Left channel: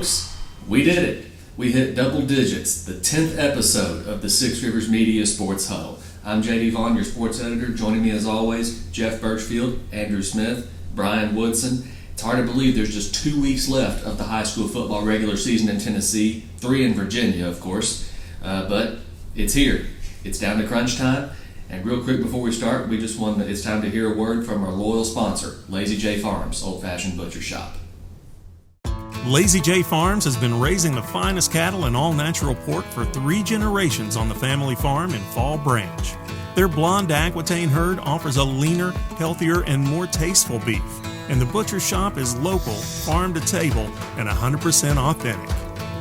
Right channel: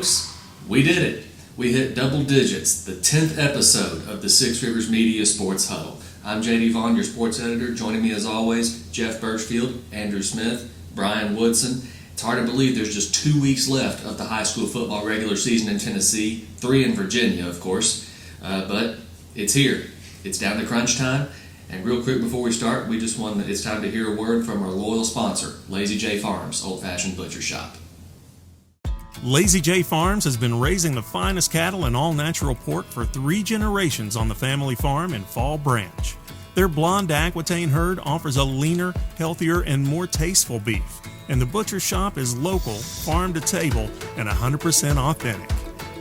Folks, we did it. We hit double digits, the 10th episode of the Six Rivers Media Sports Huddle. I'm J.D. Vaughn, your sports editor. Joining me as always, Jeff Birchfield, Andrew Smith, Brian Woodson. It's hard to believe there's just 2 weeks left of the high school football regular season in Tennessee, 3 in Virginia, of course. But it's here. It's down to crunch time. And real quick before we start, we just want it's time to hear a word from our loyal sponsor, Lazy J Farms, Old-Fashioned Butcher Shop. Lazy J Farms has been raising the finest cattle and all-natural pork for 3 generations on the family farm in Fall Branch. Their blonde Aquitaine herd offers a leaner, healthier, and more tasteful beef. And the butcher shop is local, farm to table, and 100% authentic.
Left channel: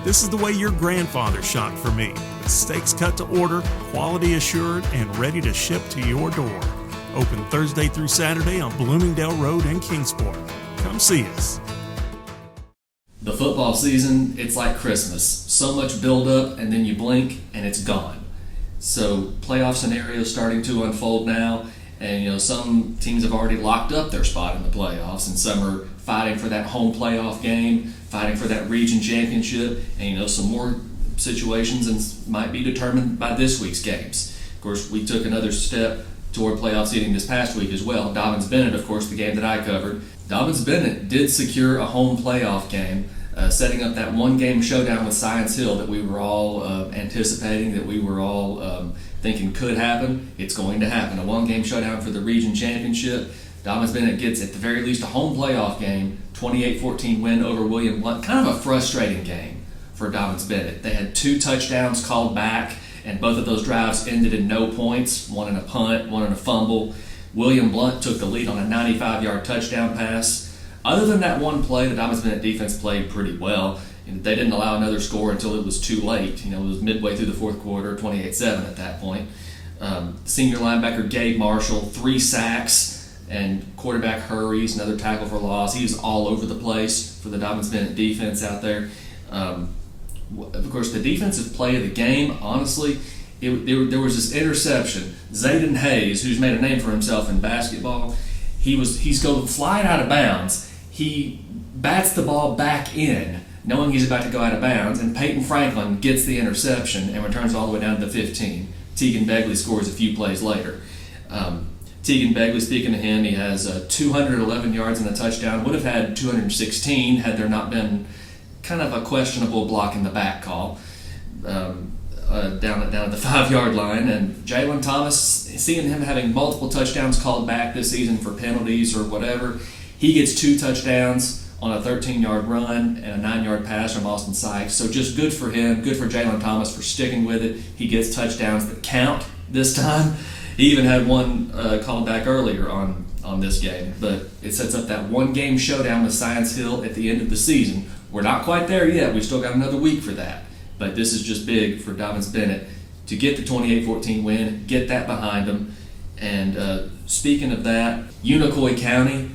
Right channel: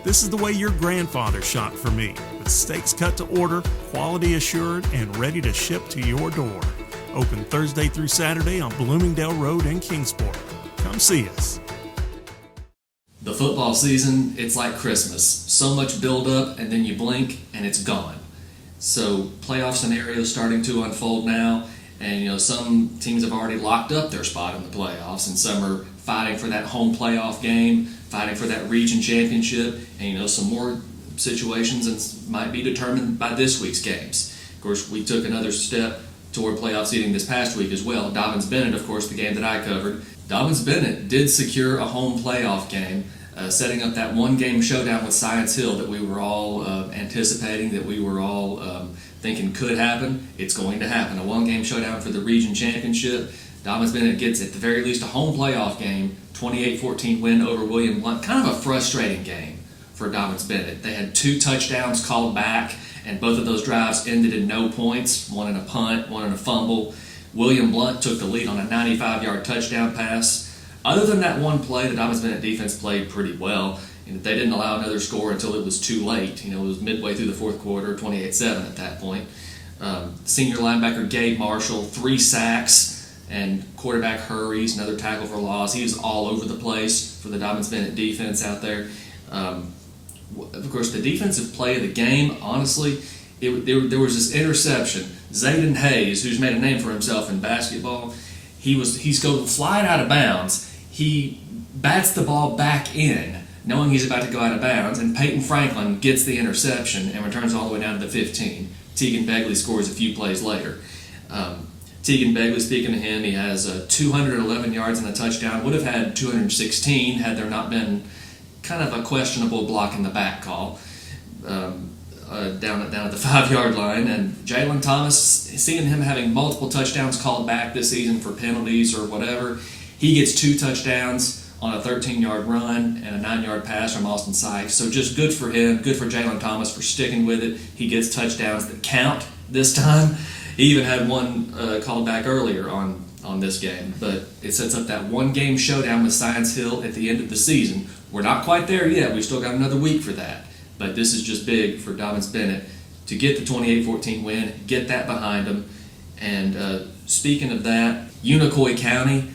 This is the way your grandfather shopped for me, with steaks cut to order, quality assured, and ready to ship to your door. Open Thursday through Saturday on Bloomingdale Road in Kingsport. Come see us. The football season, it's like Christmas. So much build-up, and then you blink, and it's gone. So playoff scenarios starting to unfold now, and some teams have already locked up their spot in the playoffs, and some are fighting for that home playoff game, fighting for that region championship, and some more situations might be determined by this week's games. Of course, we took another step toward playoff seeding this past week as well. Dobyns-Bennett, of course, the game that I covered. Dobyns-Bennett did secure a home playoff game, setting up that one-game showdown with Science Hill that we were all anticipating, that we were all thinking could happen. It's going to happen. A one-game showdown for the region championship. Dobyns-Bennett gets, at the very least, a home playoff game, 28-14 win over William Blount. Kind of a frustrating game for Dobyns-Bennett. They had 2 touchdowns called back, and both of those drives ended in no points, one in a punt, one in a fumble. William Blount took the lead on a 95-yard touchdown pass. Other than that one play, the Dobyns-Bennett defense played pretty well. And they didn't allow another score until it was too late. It was midway through the fourth quarter, 28-7 at that point. Senior linebacker Gabe Marshall, 3 sacks, and quarterback hurries, another tackle for loss. He was all over the place for the Dobyns-Bennett defense out there. Of course, the defensive play of the game, honestly, there was this interception. Zayden Hayes, who's made a name for himself in basketball, he's going flying out of bounds. He bats the ball back in, knowing he's about to go out of bounds, and Peyton Franklin gets the interception and returns all the way down to the 15. Tegan Begley scores a few plays later. Tegan Begley, speaking of him, he has 211 yards and a touchdown. Would have had 216 had there not been kind of a questionable block in the back call down at the 5-yard line. And Jalen Thomas, seeing him having multiple touchdowns called back this season for penalties or whatever, he gets 2 touchdowns on a 13-yard run and a 9-yard pass from Austin Sykes. So just good for him, good for Jalen Thomas for sticking with it. He gets touchdowns that count this time. He even had one called back earlier on this game. But it sets up that one-game showdown with Science Hill at the end of the season. We're not quite there yet. We've still got another week for that. But this is just big for Dobyns-Bennett to get the 28-14 win, get that behind them. And speaking of that, Unaka County,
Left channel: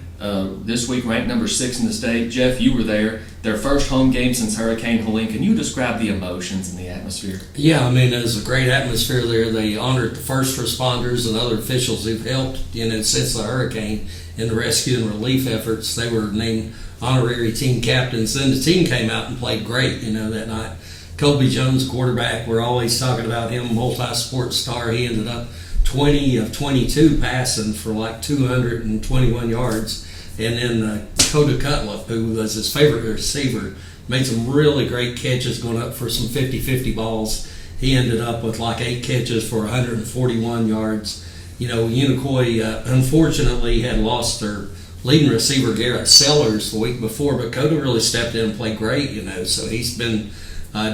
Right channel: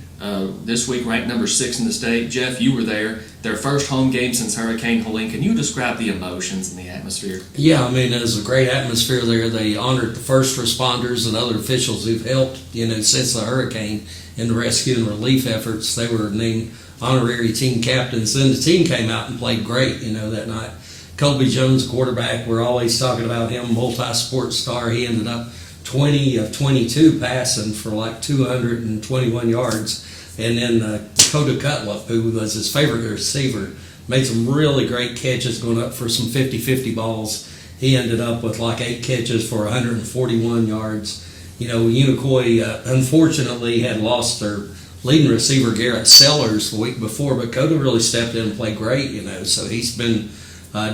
this week ranked number 6 in the state. Jeff, you were there. Their first home game since Hurricane Helene. Can you describe the emotions and the atmosphere? Yeah, it was a great atmosphere there. They honored the first responders and other officials who've helped, since the hurricane in the rescue and relief efforts. They were named honorary team captains. Then the team came out and played great, that night. Colby Jones, quarterback, we're always talking about him, multi-sport star. He ended up 20 of 22 passing for like 221 yards. And then Coda Cutlip, who was his favorite receiver, made some really great catches going up for some 50-50 balls. He ended up with like 8 catches for 141 yards. Unicoi, unfortunately, had lost their leading receiver, Garrett Sellers, the week before, but Coda really stepped in and played great, so he's been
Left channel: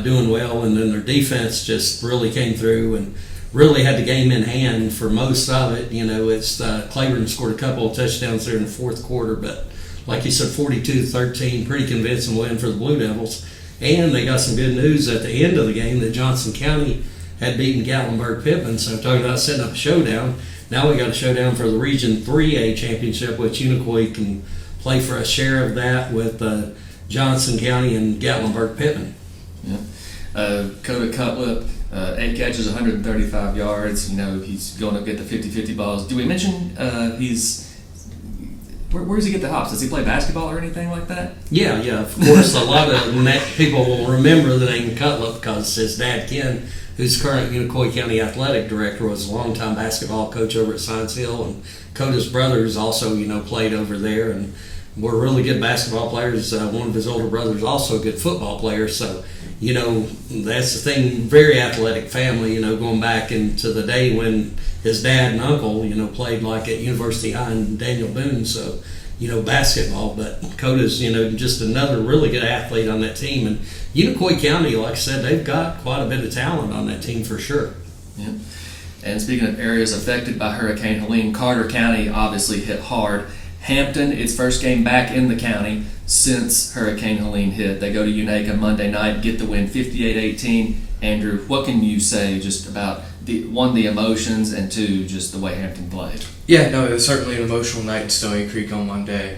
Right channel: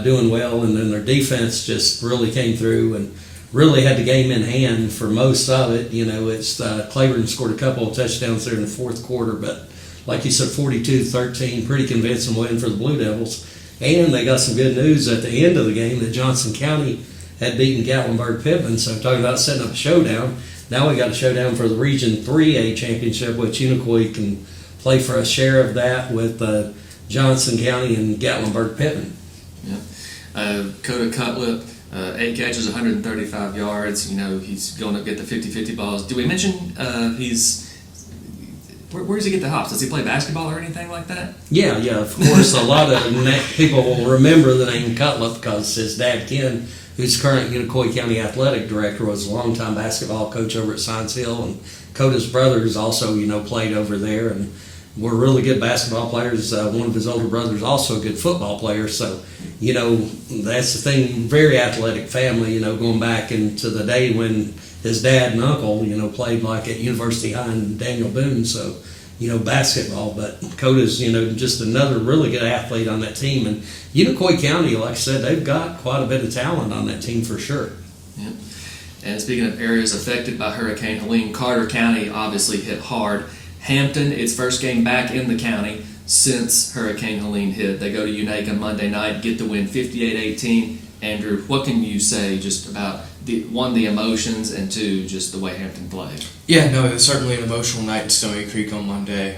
doing well. And then their defense just really came through and really had the game in hand for most of it. It's Claiborne scored a couple of touchdowns there in the fourth quarter, but like you said, 42-13, pretty convincing win for the Blue Devils. And they got some good news at the end of the game that Johnson County had beaten Gatlinburg-Pittman. So I'm talking about setting up a showdown. Now we got a showdown for the Region 3A championship, which Unicoi can play for a share of that with Johnson County and Gatlinburg-Pittman. Yeah. Coda Cutlip, 8 catches, 135 yards. He's going to get the 50-50 balls. Do we mention Where does he get the hops? Does he play basketball or anything like that? Yeah, of course. A lot of people will remember the name Cutler because his dad, Ken, who's current Unicoi County Athletic Director, was a longtime basketball coach over at Science Hill, and Coda's brothers also, played over there, and were really good basketball players. One of his older brothers also a good football player, so, that's the thing, very athletic family, going back into the day when his dad and uncle, played like at University High and Daniel Boone, so, basketball. But Coda's, just another really good athlete on that team. And Unicoi County, like I said, they've got quite a bit of talent on that team for sure. Yeah. And speaking of areas affected by Hurricane Helene, Carter County obviously hit hard. Hampton, its first game back in the county since Hurricane Helene hit. They go to Unaka Monday night, get the win 58-18. Andrew, what can you say just about the emotions, and two, just the way Hampton played? Yeah, no, it was certainly an emotional night in Stony Creek on Monday.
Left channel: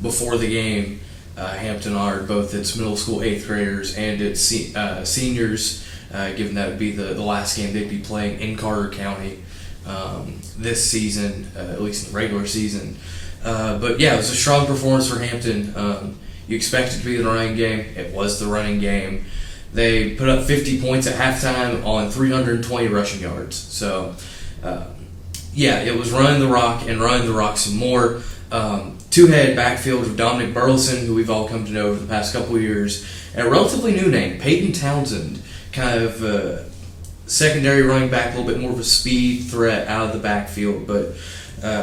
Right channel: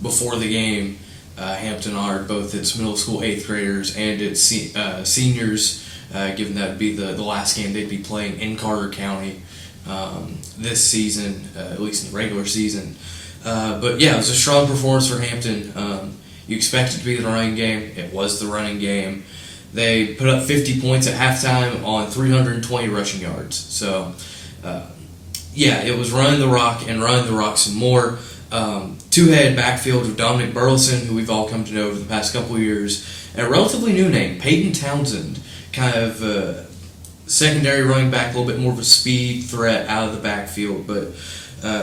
Before the game, Hampton honored both its middle school 8th graders and its seniors, given that it would be the last game they'd be playing in Carter County this season, at least in the regular season. But yeah, it was a strong performance for Hampton. You expect it to be the running game. It was the running game. They put up 50 points at halftime on 320 rushing yards. So, yeah, it was running the rock some more. Two-head backfield with Dominic Burleson, who we've all come to know over the past couple of years, and a relatively new name, Peyton Townsend, kind of secondary running back, a little bit more of a speed threat out of the backfield. But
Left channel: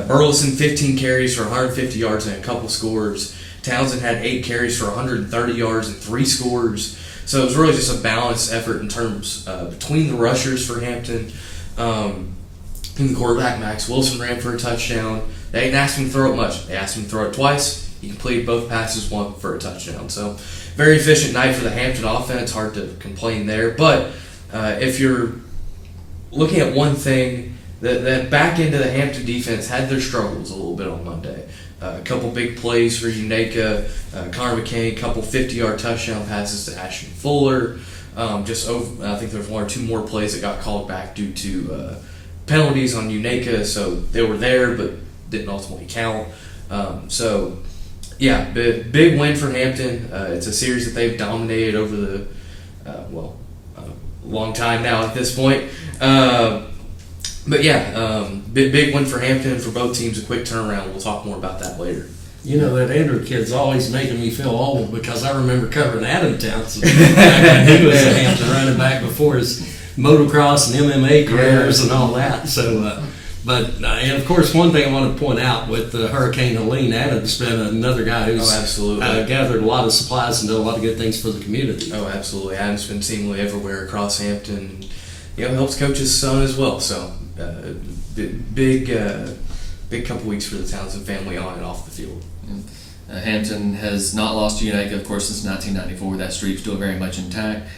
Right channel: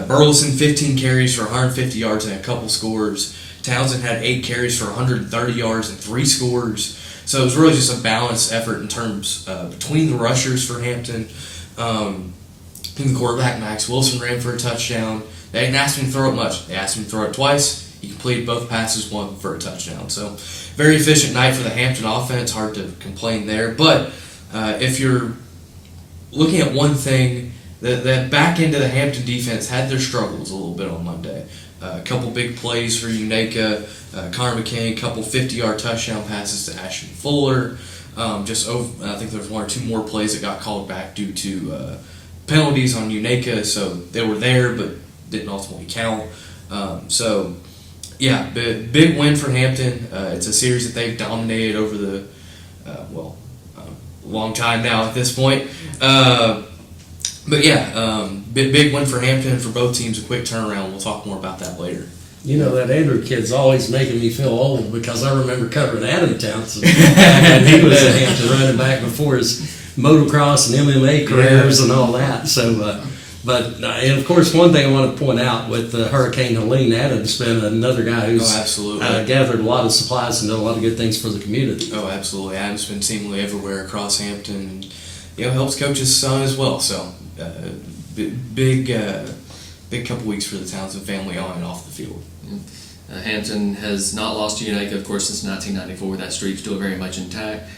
Burleson, 15 carries for 150 yards and a couple scores. Townsend had 8 carries for 130 yards and 3 scores. So it was really just a balanced effort in terms between the rushers for Hampton. I think the quarterback, Max Wilson, ran for a touchdown. They didn't ask him to throw it much. They asked him to throw it twice. He completed both passes, one for a touchdown. So very efficient night for the Hampton offense. Hard to complain there. But if you're looking at one thing, that back end of the Hampton defense had their struggles a little bit on Monday. A couple big plays for Unaka, Connor McKay, a couple 50-yard touchdown passes to Ashton Fuller. I think there was 1 or 2 more plays that got called back due to penalties on Unaka, so they were there but didn't ultimately count. Yeah, big win for Hampton. It's a series that they've dominated over the long time now at this point. But yeah, big win for Hampton and for both teams. A quick turnaround. We'll talk more about that later. That Andrew kid's always making me feel old because I remember covering Adam Townsend. He was a Hampton running back before his motocross and MMA careers and all that. So, and of course, one thing I want to point out with Hurricane Helene, Adam's been another guy who's gathered a lot of supplies and done a lot of good things for the community. Oh, absolutely. Adam's been seemingly everywhere across Hampton. Helps coach his son as well. So, big couple weeks for the Townsend family on and off the field. Hampton has not lost to Unaka, of course, since 1994. That streak's still very much intact.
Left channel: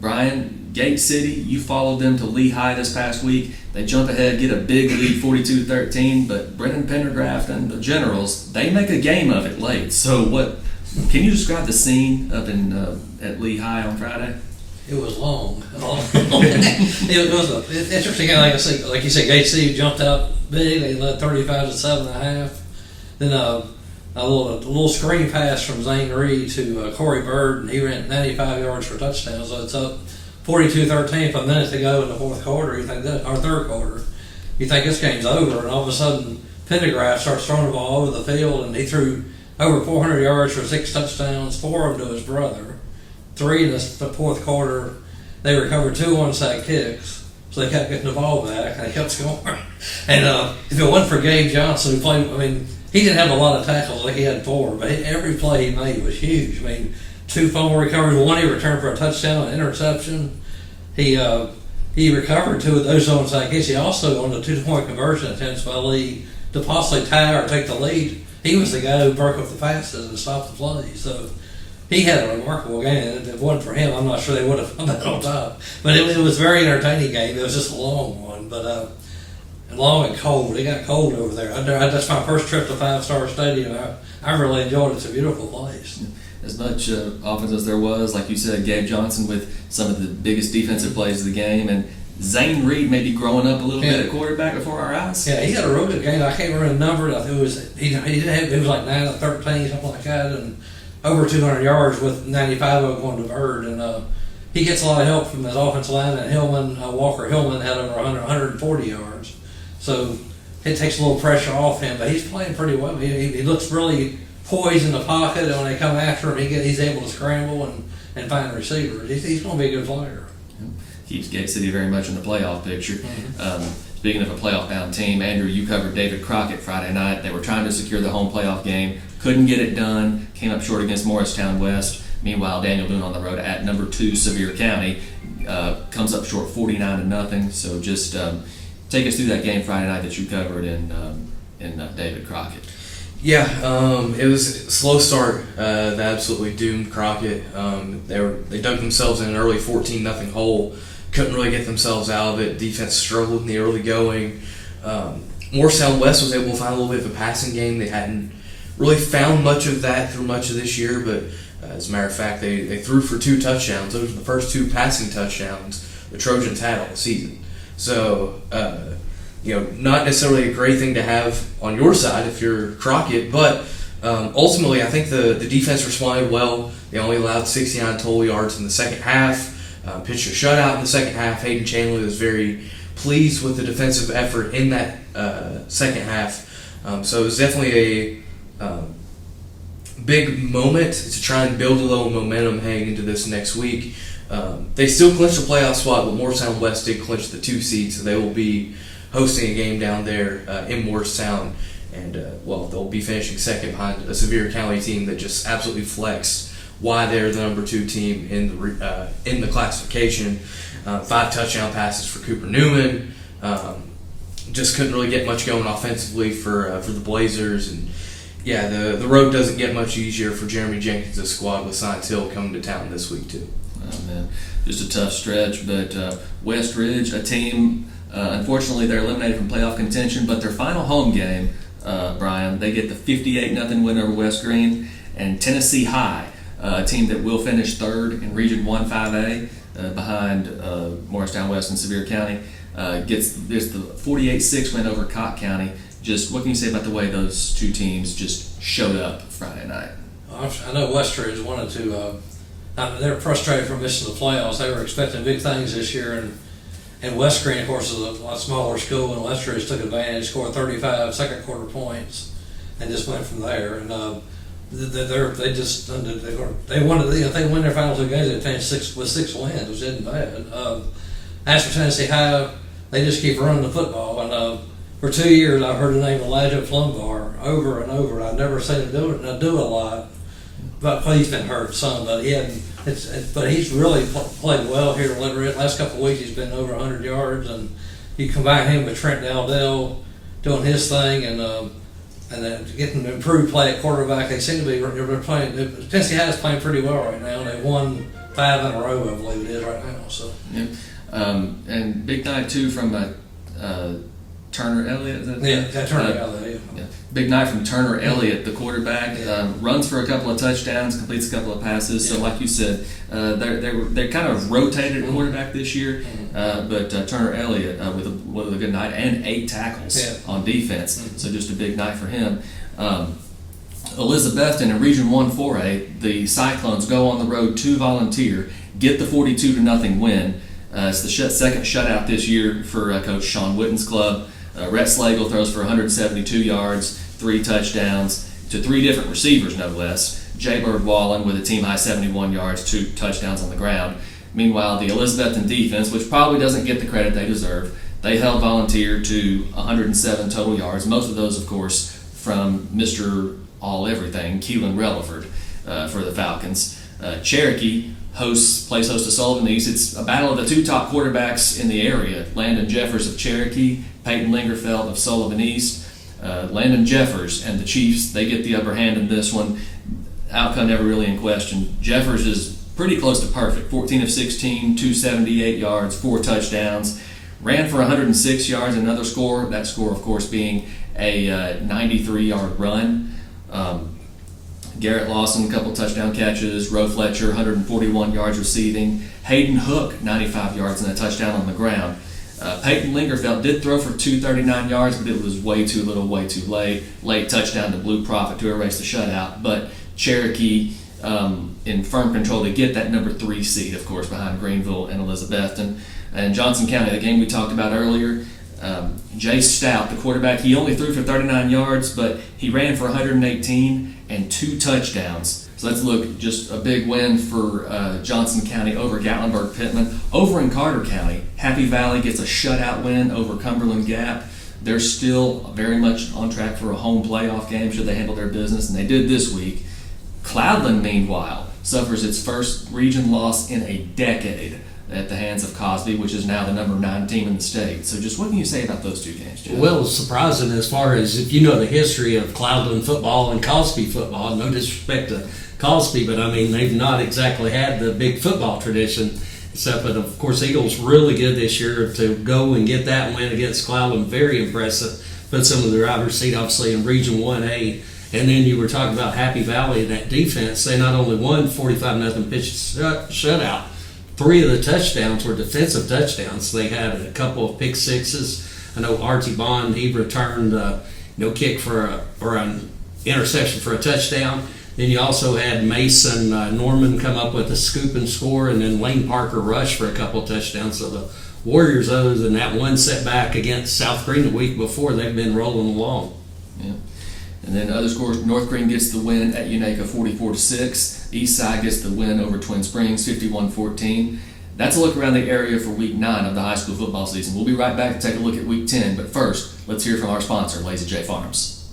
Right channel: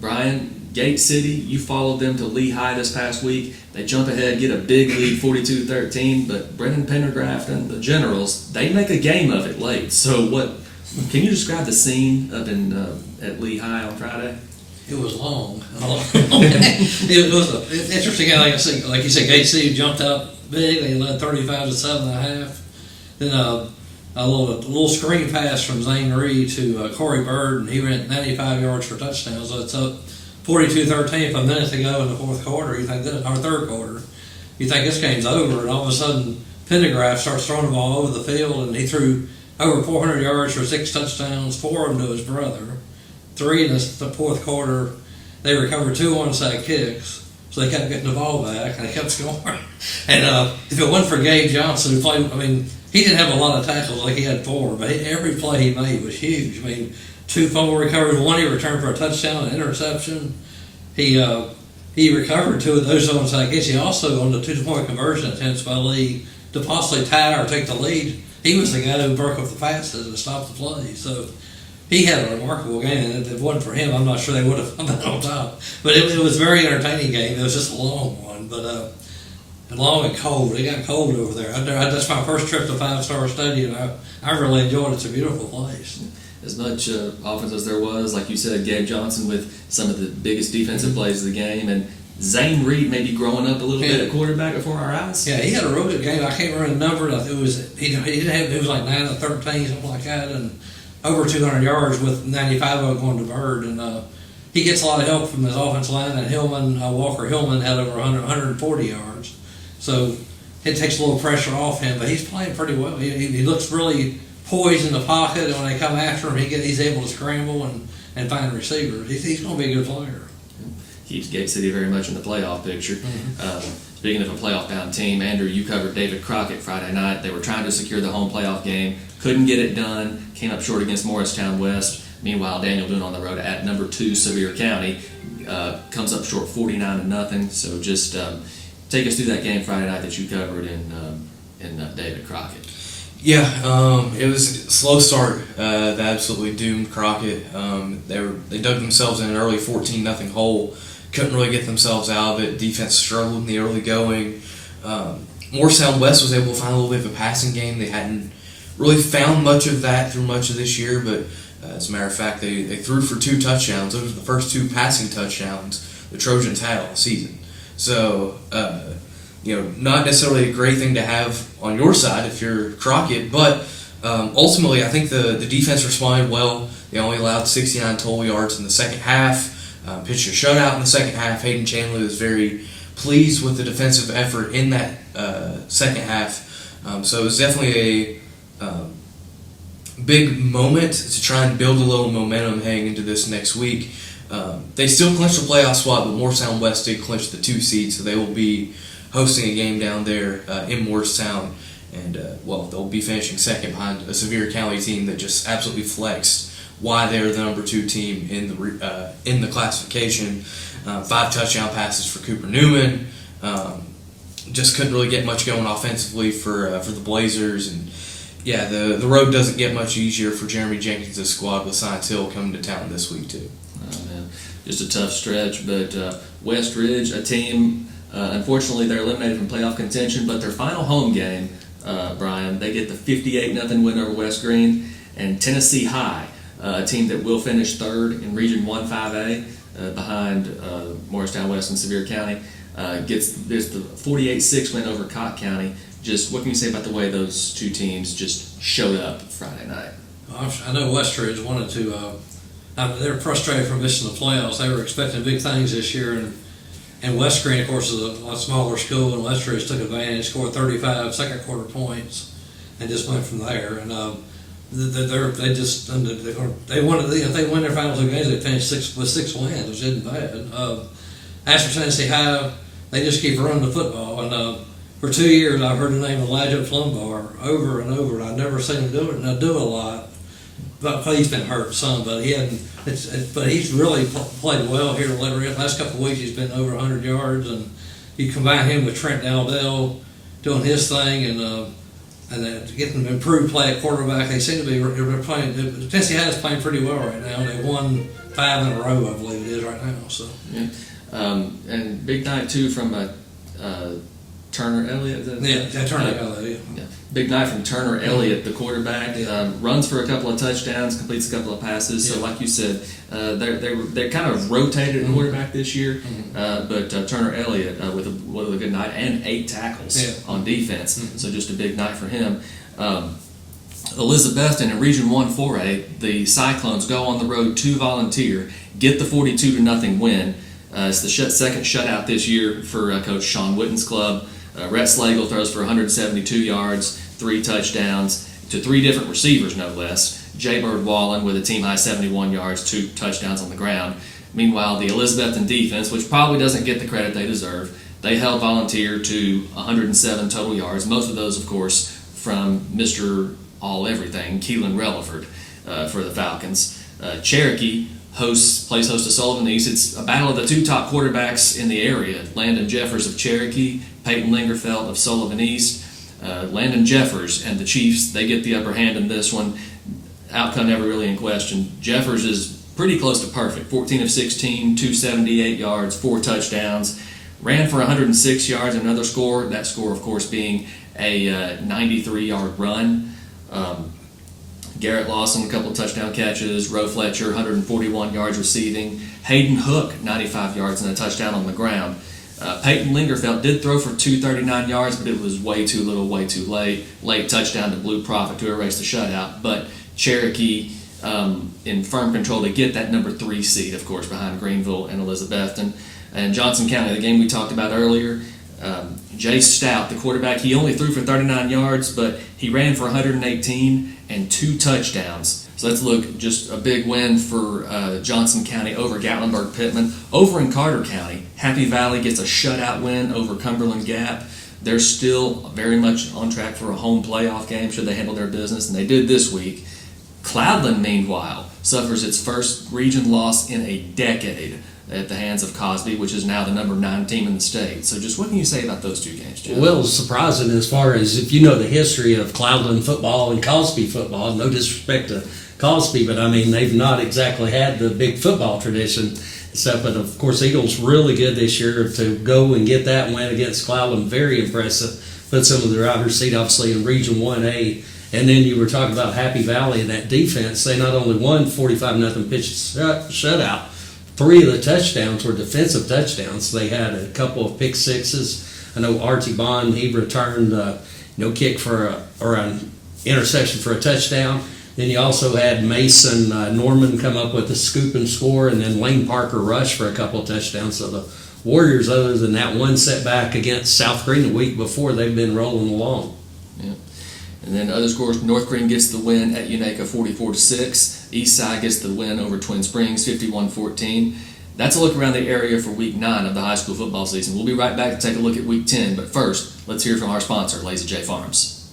Brian, Gate City, you followed them to Lehigh this past week. They jump ahead, get a big lead, 42-13, but Brendan Pendergraft and the Generals, they make a game of it late. So can you describe the scene up at Lehigh on Friday? It was long. It was an interesting game. Like you said, Gate City jumped out big. They led 35-7.5. Then a little screen pass from Zane Reed to Corey Bird, and he ran 95 yards for a touchdown. So it's up 42-13 with a minute to go in the fourth quarter. Or third quarter. You think this game's over, and all of a sudden Pendergraft starts throwing the ball over the field, and he threw over 400 yards for 6 touchdowns, 4 of them to his brother. 3 in the fourth quarter. They recovered 2 onside kicks, so they kept getting the ball back, and they kept scoring. And if it wasn't for Gabe Johnson, who played, he didn't have a lot of tackles, like he had 4, but every play he made was huge. 2 fumble recoveries, 1 he returned for a touchdown, an interception. He recovered 2 of those onside kicks. He also, on the 2-point conversion attempts by Lee to possibly tie or take the lead, he was the guy who broke up the passes and stopped the play. So he had a remarkable game. If it wasn't for him, I'm not sure they would have come out on top. But it was a very entertaining game. It was just a long one, but long and cold. It got cold over there. That's my first trip to 5-Star Stadium. I really enjoyed it. It's a beautiful place. As much offense as there was, like you said, Gabe Johnson with some of the biggest defensive plays of the game, and Zane Reed maybe growing up a little bit at quarterback before our eyes. Yeah, he had a real good game. I can't remember the number. It was like 9 of 13, something like that, and over 200 yards with 95 of it going to Bird. And he gets a lot of help from his offensive line. And Walker Hillman had over 140 yards. So it takes a little pressure off him, but he's playing pretty well. He looks really poised in the pocket, and when they come after him, he's able to scramble and find receivers. He's going to be a good player. Keeps Gate City very much in the playoff picture. Mm-hmm. Speaking of a playoff-bound team, Andrew, you covered David Crockett Friday night. They were trying to secure the home playoff game, couldn't get it done, came up short against Morristown West. Meanwhile, Daniel Boone on the road at number 2 Sevier County comes up short 49-0. So just take us through that game Friday night that you covered in David Crockett. Yeah, it was a slow start that absolutely doomed Crockett. They dug themselves in an early 14-0 hole. Couldn't really get themselves out of it. Defense struggled in the early going. Morristown West was able to find a little bit of a passing game. They hadn't really found much of that through much of this year, but as a matter of fact, they threw for 2 touchdowns. Those were the first 2 passing touchdowns the Trojans had all season. So, not necessarily a great thing to have on your side if you're Crockett, but ultimately I think the defense responded well. They only allowed 69 total yards in the second half. Pitched a shutout in the second half. Hayden Chandler was very pleased with the defensive effort in that second half. So it was definitely a big moment to try and build a little momentum heading into this next week. They still clinched a playoff spot, but Morristown West did clinch the 2 seed, so they will be hosting a game down there in Morristown. And, they'll be finishing second behind a Sevier County team that just absolutely flexed why they're the number 2 team in the classification. 5 touchdown passes for Cooper Newman. Just couldn't really get much going offensively for the Blazers. And yeah, the road doesn't get much easier for Jeremy Jenkins' squad with Science Hill coming to town this week too. Oh, man. Just a tough stretch, but West Ridge, a team, unfortunately they're eliminated from playoff contention, but their final home game, Brian, they get the 58-0 win over West Green, and Tennessee High, a team that will finish 3rd in Region 1-5A behind Morristown West and Sevier County, gets the 48-6 win over Cott County. Just what can you say about the way those 2 teams just showed up Friday night? I know West Ridge wanted to. They're frustrated from missing the playoffs. They were expecting big things this year, and West Green, of course, is a lot smaller school, and West Ridge took advantage, scored 35 second quarter points, and just went from there. And they wanted, if they win their final 2 games, they finished with 6 wins, which isn't bad. As for Tennessee High, they just keep running the football, and for 2 years I've heard the name Elijah Plumbar over and over. I've never seen him do a lot, but he's been hurt some. But but he's really played well here. The last couple of weeks he's been over 100 yards, and you combine him with Trent Dowdell doing his thing, and getting improved play at quarterback. They seem to be playing. Tennessee High is playing pretty well right now. They won 5 in a row, I believe it is right now. So yeah. And big night too from Turner Elliott. Turner Elliott. Yeah. Big night from Turner Elliott, the quarterback. Runs for a couple of touchdowns, completes a couple of passes. So, like you said, they're kind of rotated at quarterback this year. But Turner Elliott with a good night and 8 tackles on defense. So just a big night for him. Elizabethton in Region 1-4A, the Cyclones go on the road to Volunteer, get the 42-0 win. It's the second shutout this year for Coach Sean Wooden's club. Rhett Slagle throws for 172 yards, 3 touchdowns to 3 different receivers, no less. Jay Bird Wallen with a team-high 71 yards, 2 touchdowns on the ground. Meanwhile, the Elizabethton defense, which probably doesn't get the credit they deserve, they held Volunteer to 107 total yards, most of those, of course, from Mr. All-Everything, Keelan Relaford for the Falcons. Cherokee plays host to Sullivan East. It's a battle of the 2 top quarterbacks in the area, Landon Jeffers of Cherokee, Peyton Lingerfeld of Sullivan East. Landon Jeffers and the Chiefs, they get the upper hand in this one. Outcome never really in question. Jeffers is pretty close to perfect. 14 of 16, 278 yards, 4 touchdowns. Ran for 106 yards, another score. That score, of course, being a 93-yard run. Garrett Lawson, a couple touchdown catches. Roe Fletcher, 141 yards receiving. Hayden Hook, 95 yards and a touchdown on the ground. Peyton Lingerfeld did throw for 239 yards, but it was way too little, way too late. Late touchdown to Blue Prophet to erase the shutout. But Cherokee in firm control to get that number 3 seed, of course, behind Greenville and Elizabethton. And Johnson County, the game we talked about earlier, Jay Stout, the quarterback, he only threw for 39 yards, but he ran for 118 and 2 touchdowns. So let's look, just a big win for Johnson County over Gatlinburg-Pittman. Over in Carter County, Happy Valley gets a shutout win over Cumberland Gap. They're still very much on track for a home playoff game should they handle their business, and they did this week. Cloudland, meanwhile, suffers its first region loss in a decade at the hands of Cosby, which is now the number 9 team in the state. So just what can you say about those 2 games, Jeff? Well, it's surprising as far as if you know the history of Cloudland football and Cosby football. No disrespect to Cosby, but I mean, they've not exactly had the big football tradition. But of course, Eagles really good this year to go and get that win against Cloudland. Very impressive. Put some of the driver's seat, obviously, in Region 1A. And then you were talking about Happy Valley and that defense. They not only won 45-0 pitch shutout, 3 of the touchdowns were defensive touchdowns. They had a couple of pick sixes. I know Artie Bond, he returned kick for an interception for a touchdown. Then you also had Mason Norman come up with a scoop and score, and then Lane Parker rush for a couple of touchdowns. So the Warriors, other than that one setback against South Green the week before, they've been rolling along. Yeah. And then other scores, North Green gets the win at Unaka 44-6. Eastside gets the win over Twin Springs 51-14. That's a look around the area for Week 9 of the high school football season. We'll be right back to take a look at Week 10, but first, let's hear from our sponsor, Lazy J Farms.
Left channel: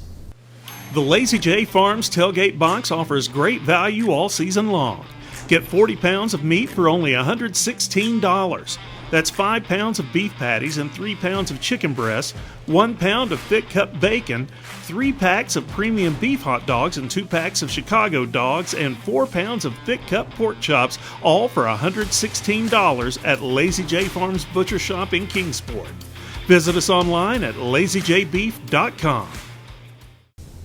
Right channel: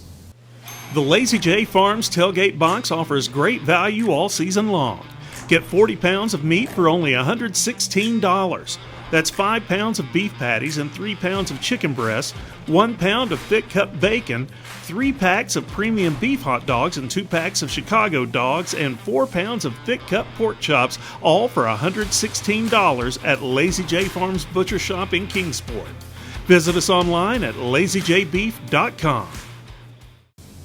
The Lazy J Farms tailgate box offers great value all season long. Get 40 pounds of meat for only $116. That's 5 pounds of beef patties and 3 pounds of chicken breasts, 1 pound of thick cut bacon, 3 packs of premium beef hot dogs and 2 packs of Chicago dogs, and 4 pounds of thick cut pork chops, all for $116 at Lazy J Farms Butcher Shop in Kingsport. Visit us online at lazyjbeef.com.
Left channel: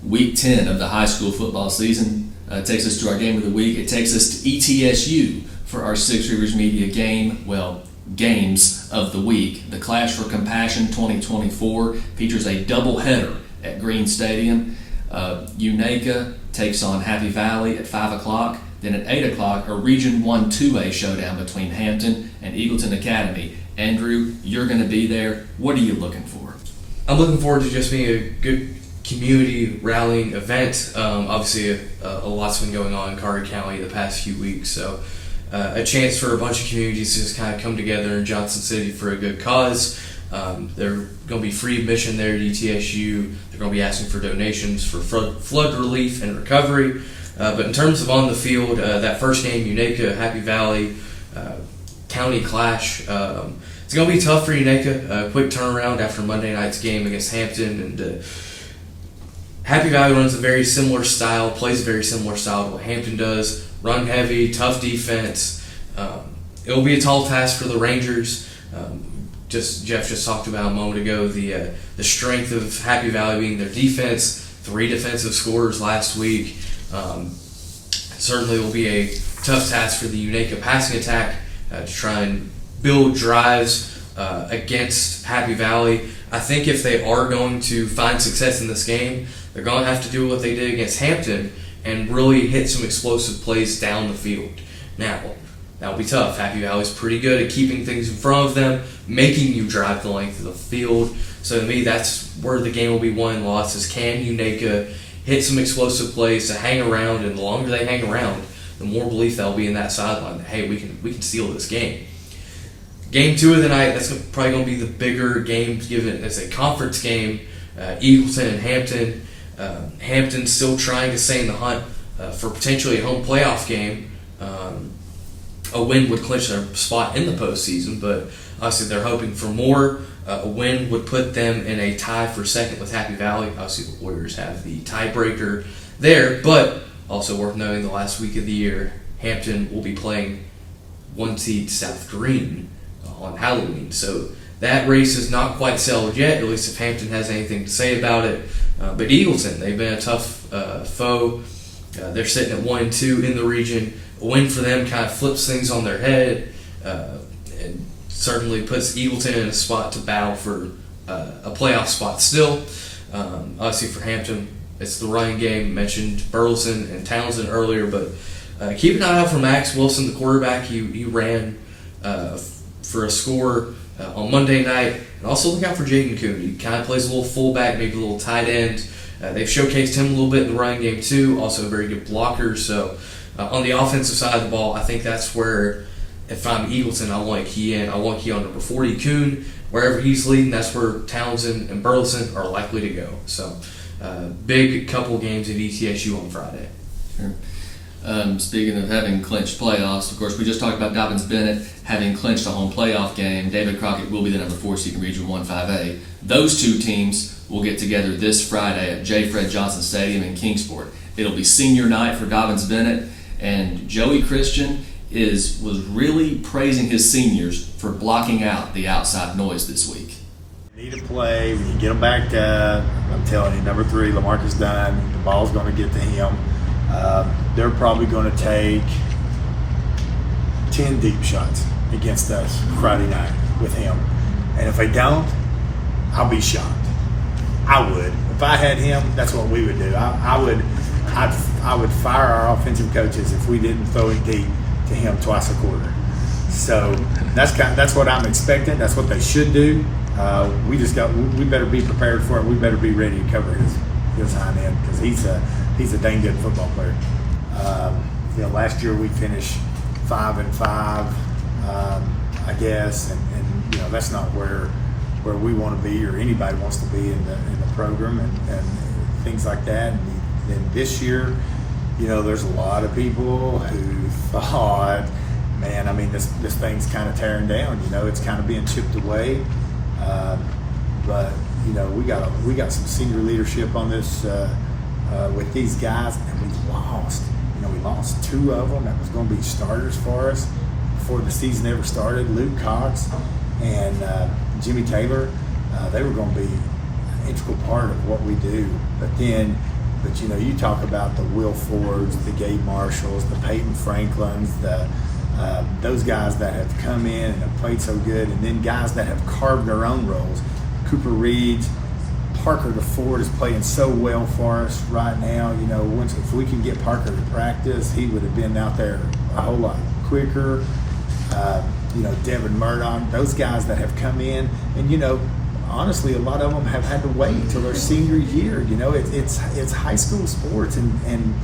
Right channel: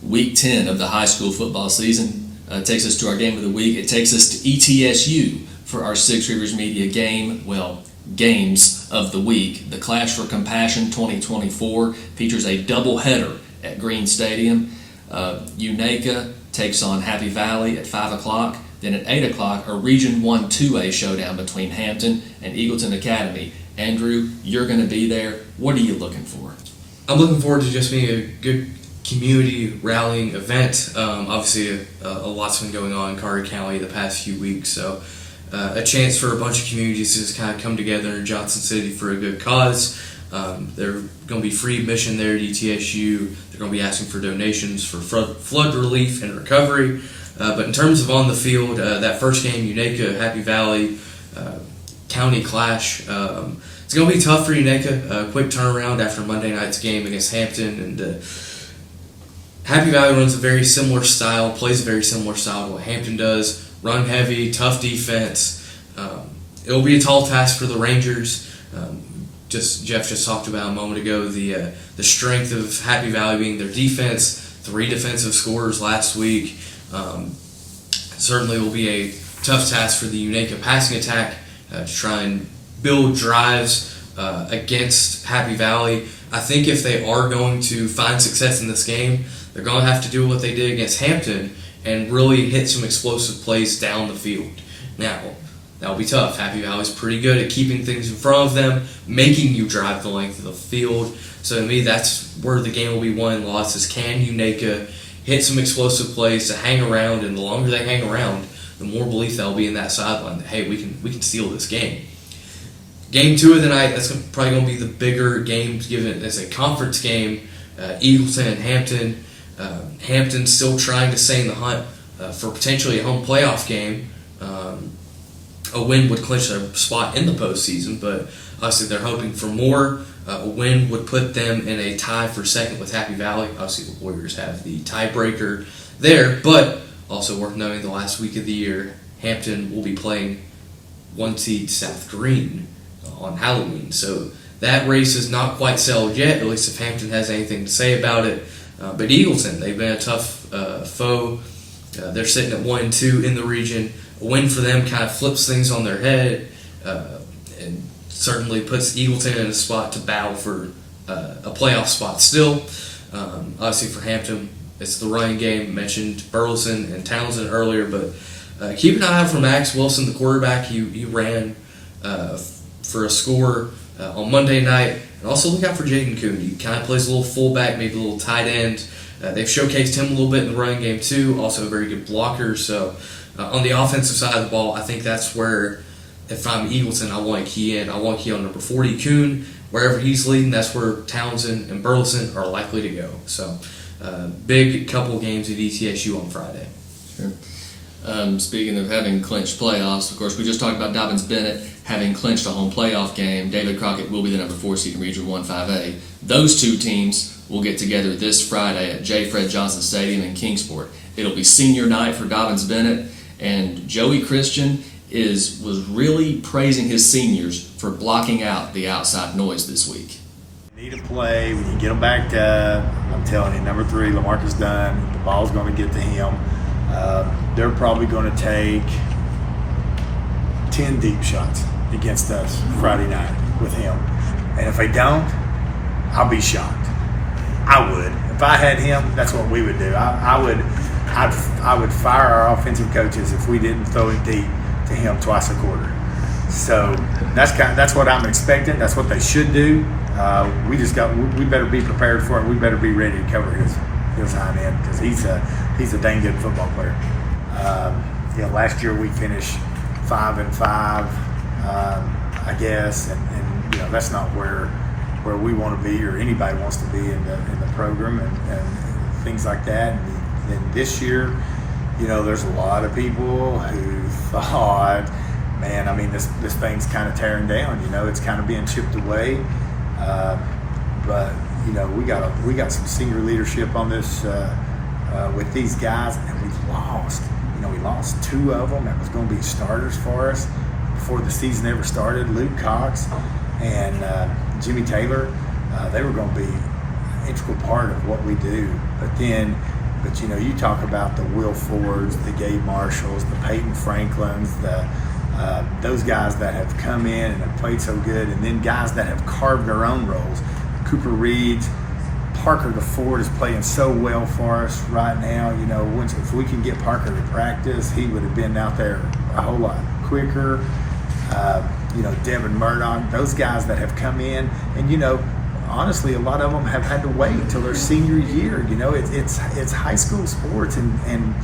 Week 10 of the high school football season takes us to our game of the week. It takes us to ETSU for our Six Rivers Media games of the week. The Clash for Compassion 2024 features a doubleheader at Green Stadium. Unaka takes on Happy Valley at 5 o'clock. Then at 8 o'clock, a Region 1 2A showdown between Hampton and Eagleton Academy. Andrew, you're going to be there. What are you looking for? I'm looking forward to just being a good community rallying event. Obviously, a lot's been going on in Carter County the past few weeks, so a chance for a bunch of communities to just kind of come together in Johnson City for a good cause. They're going to be free admission there at ETSU. They're going to be asking for donations for flood relief and recovery. But in terms of on the field, that first game, Unaka, Happy Valley, County Clash, it's going to be tough for Unaka. Quick turnaround after Monday night's game against Hampton, and Happy Valley runs a very similar style, plays a very similar style to what Hampton does. Run heavy, tough defense. It'll be a tall task for the Rangers. Jeff just talked about a moment ago the strength of Happy Valley being their defense. 3 defensive scorers last week. Certainly will be a tough task for the Unaka passing attack to try and build drives against Happy Valley. I think if they are going to find success in this game, they're going to have to do what they did against Hampton and really hit some explosive plays down the field. Now, that'll be tough. Happy Valley's pretty good at keeping things in front of them, making you drive the length of the field. So to me, that's where the game will be won and lost, is can Unaka hit some explosive plays to hang around, and the longer they hang around, the more belief that'll be in that sideline that, hey, we can steal this game. Game 2 of the night, that's probably going to be the bigger game, given as a conference game. Eagleton and Hampton. Hampton's still trying to stay in the hunt for potentially a home playoff game. A win would clinch their spot in the postseason, but obviously they're hoping for more. A win would put them in a tie for second with Happy Valley. Obviously the Warriors have the tiebreaker there, but also worth noting the last week of the year, Hampton will be playing 1 seed South Green on Halloween. So that race is not quite settled yet, at least if Hampton has anything to say about it. But Eagleton, they've been a tough foe They're sitting at 1-2 in the region. A win for them kind of flips things on their head, and certainly puts Eagleton in a spot to battle for a playoff spot still. Obviously for Hampton, it's the running game. Mentioned Burleson and Townsend earlier, but keep an eye out for Max Wilson, the quarterback. He ran for a score on Monday night. And also look out for Jaden Coon. He kind of plays a little fullback, maybe a little tight end. They've showcased him a little bit in the running game too. Also a very good blocker. So on the offensive side of the ball, I think that's where, if I'm Eagleton, I want to key in. I want to key on number 40, Coon. Wherever he's leading, that's where Townsend and Burleson are likely to go. So big couple games at ETSU on Friday. Sure. Speaking of having clinched playoffs, of course, we just talked about Dobbins Bennett having clinched a home playoff game. David Crockett will be the number 4 seed in Region 1-5A. Those two teams will get together this Friday at J. Fred Johnson Stadium in Kingsport. It'll be senior night for Dobbins Bennett, and Joey Christian was really praising his seniors for blocking out the outside noise this week. Need to play. We need to get them backed up. I'm telling you, number 3, Lamarcus Dunn, the ball's going to get to him. They're probably going to take 10 deep shots against us Friday night with him. And if they don't, I'll be shocked. I would. If I had him, that's what we would do. I would fire our offensive coaches if we didn't throw it deep to him twice a quarter. So that's what I'm expecting. That's what they should do. We better be prepared for it. We better be ready to cover his hind end, because he's a dang good football player. Last year we finished 5-5, I guess, and that's not where we want to be, or anybody wants to be in the program, and things like that. And then this year, there's a lot of people who thought, man, I mean, this thing's kind of tearing down. It's kind of being chipped away. But we got some senior leadership on this with these guys, and we lost. We lost 2 of them that was going to be starters for us before the season ever started. Luke Cox and Jimmy Taylor, they were going to be an integral part of what we do. But you talk about the Will Fords, the Gabe Marshalls, the Peyton Franklins, those guys that have come in and have played so good, and then guys that have carved their own roles. Cooper Reeds, Parker the Ford is playing so well for us right now. If we can get Parker to practice, he would have been out there a whole lot quicker. Devin Murdoch, those guys that have come in, and honestly, a lot of them have had to wait until their senior year. It's high school sports, and